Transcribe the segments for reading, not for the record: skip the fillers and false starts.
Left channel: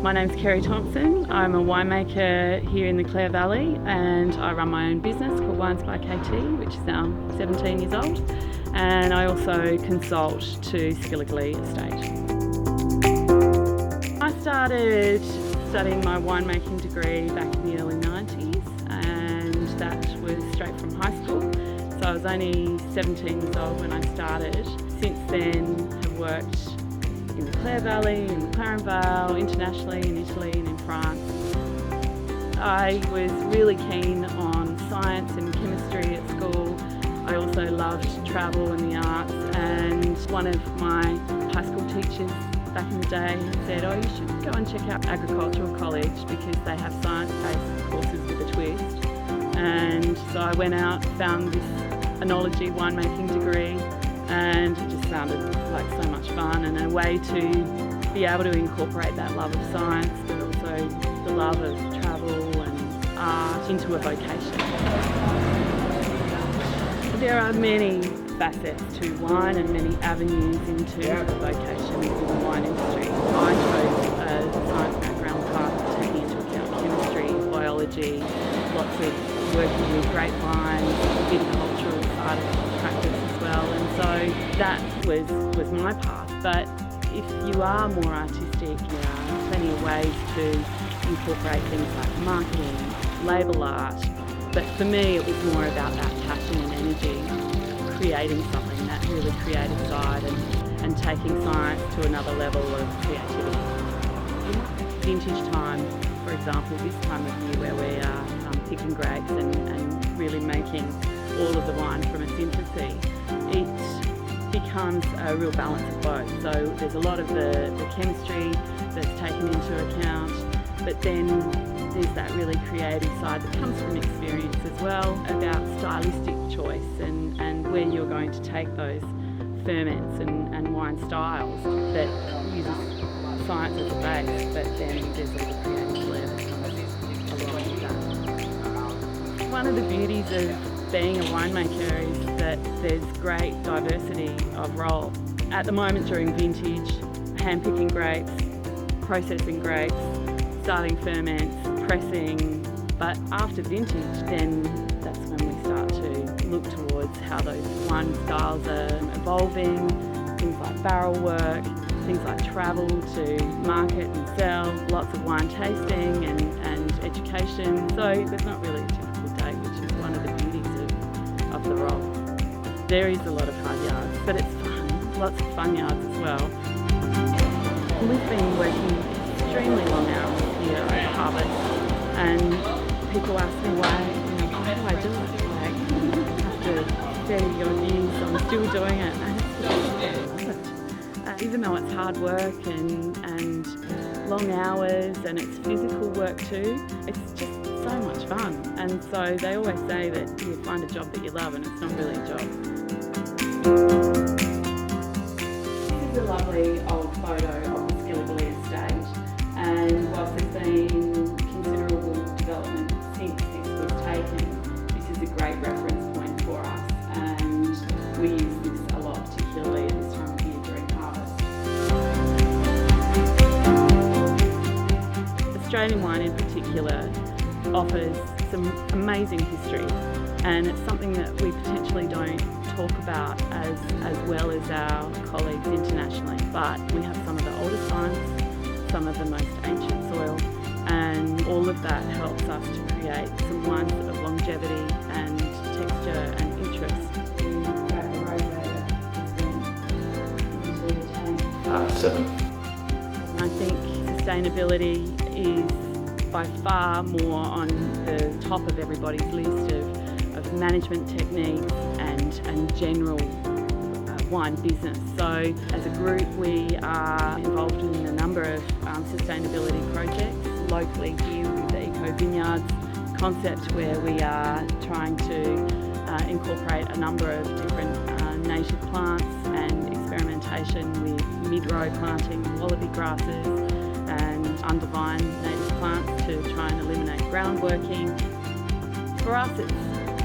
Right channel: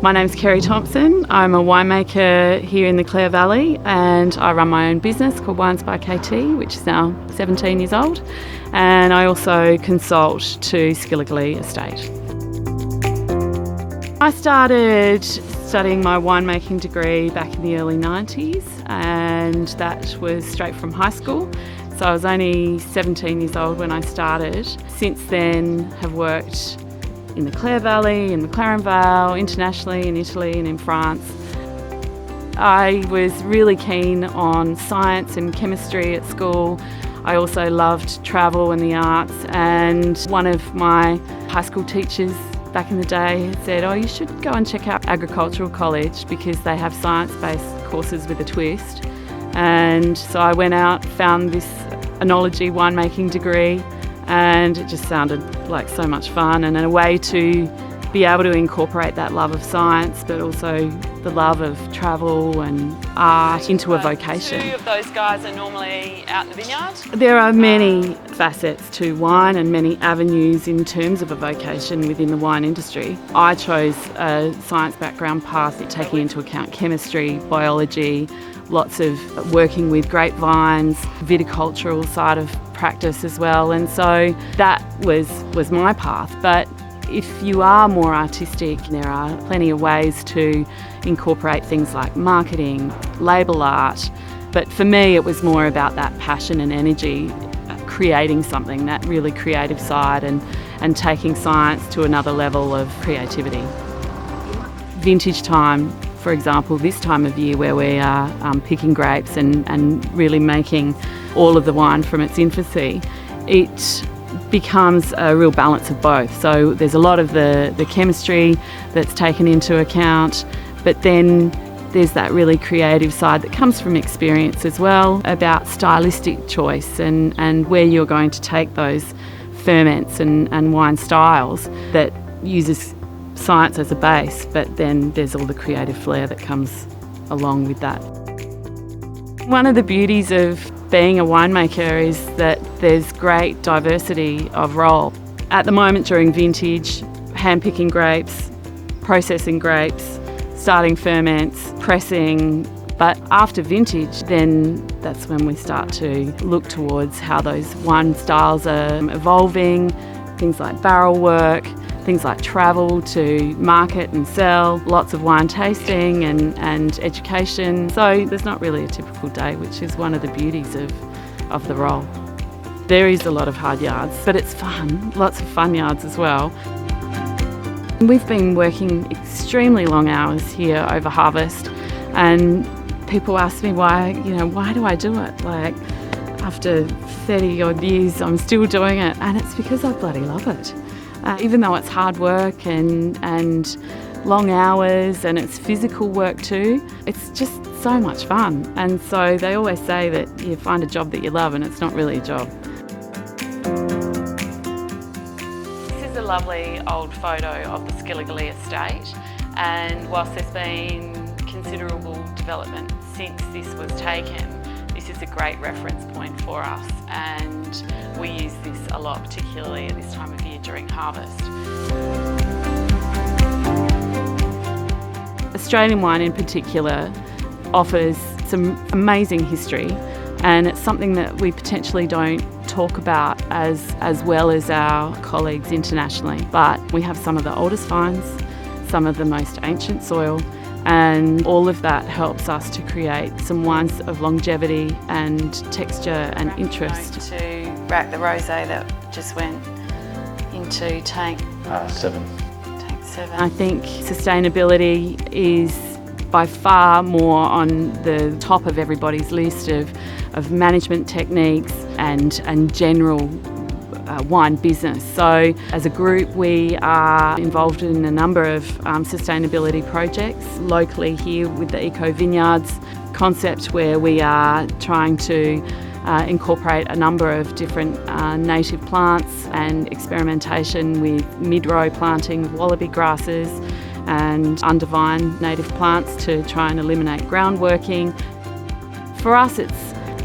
My name's Kerri Thompson. I'm a winemaker here in the Clare Valley, and I run my own business called Wines by KT, which is now 17 years old, and I also consult to Skilligalee Estate. I started studying my winemaking degree back in the early 90s, and that was straight from high school. So I was only 17 years old when I started. Since then, have worked in the Clare Valley, in McLaren Vale, internationally in Italy and in France. I was really keen on science and chemistry at school. I also loved travel and the arts, and one of my high school teachers back in the day said, "Oh, you should go and check out Agricultural College because they have science-based courses with a twist." And so I went out, found this enology winemaking degree, and it just sounded like so much fun and a way to be able to incorporate that love of science but also the love of travel and art into a vocation. Two of those guys are normally out in the vineyard. There are many facets to wine and many avenues in terms of a vocation within the wine industry. I chose a science background path taking into account chemistry, biology, lots of working with grapevines, viticultural side of practice as well, and so that was my path. But if you are more artistic, there are plenty of ways to incorporate things like marketing, label art, but for me it was more about that passion and energy, creating something, that really creative side, and taking science to another level of creativity. Vintage time, for example, this time of year where we are picking grapes and really making all of the wine from its infancy, it becomes a real balance of both. So there's a lot of the chemistry that's taken into account, but then there's that really creative side that comes from experience as well, about stylistic choice and where you're going to take those ferments and wine styles that uses science as a base, but then there's all the creative flair that comes along with that. One of the beauties of being a winemaker is that there's great diversity of role. At the moment during vintage, hand-picking grapes, processing grapes, starting ferments, pressing, but after vintage, then that's when we start to look towards how those wine styles are evolving, things like barrel work, things like travel to market and sell, lots of wine tasting and education. So there's not really a typical day, which is one of the beauties of the role. There is a lot of hard yards, but it's fun, lots of fun yards as well. We've been working extremely long hours here over harvest, and people ask me why do I do it? Like, after 30 odd years, I'm still doing it, and it's because I bloody love it. Even though it's hard work and long hours and it's physical work too, it's just so much fun. And so they always say that you find a job that you love and it's not really a job. This is a lovely old photo of the Skilligalee Estate, and whilst there's been considerable development since this was taken, this is a great reference point for us, and we use this a lot, particularly at this time of year during harvest. Australian wine in particular offers some amazing history, and it's something that we potentially don't talk about as well as our colleagues internationally. But we have some of the oldest vines, some of the most ancient soil, and all of that helps us to create some wines of longevity and texture and interest. To rack the rosé that just went into tank 7. I think sustainability is by far more on the top of everybody's list of management techniques and general wine business. So as a group, we are involved in a number of sustainability projects locally here with the Eco Vineyards concept, where we are trying to incorporate a number of different native plants and experimentation with mid-row planting with wallaby grasses and undervine native plants to try and eliminate groundworking. For us, it's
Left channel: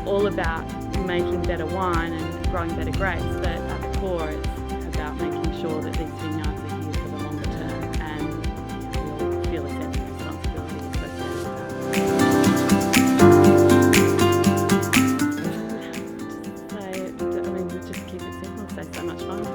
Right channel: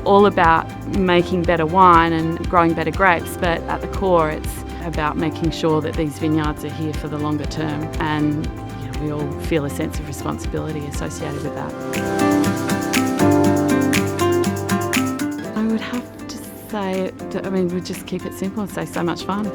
all about making better wine and growing better grapes, but at the core it's about making sure that these vineyards are here for the longer term, and we all feel a sense of responsibility associated with that. I would have to say, we just keep it simple and say so much fun.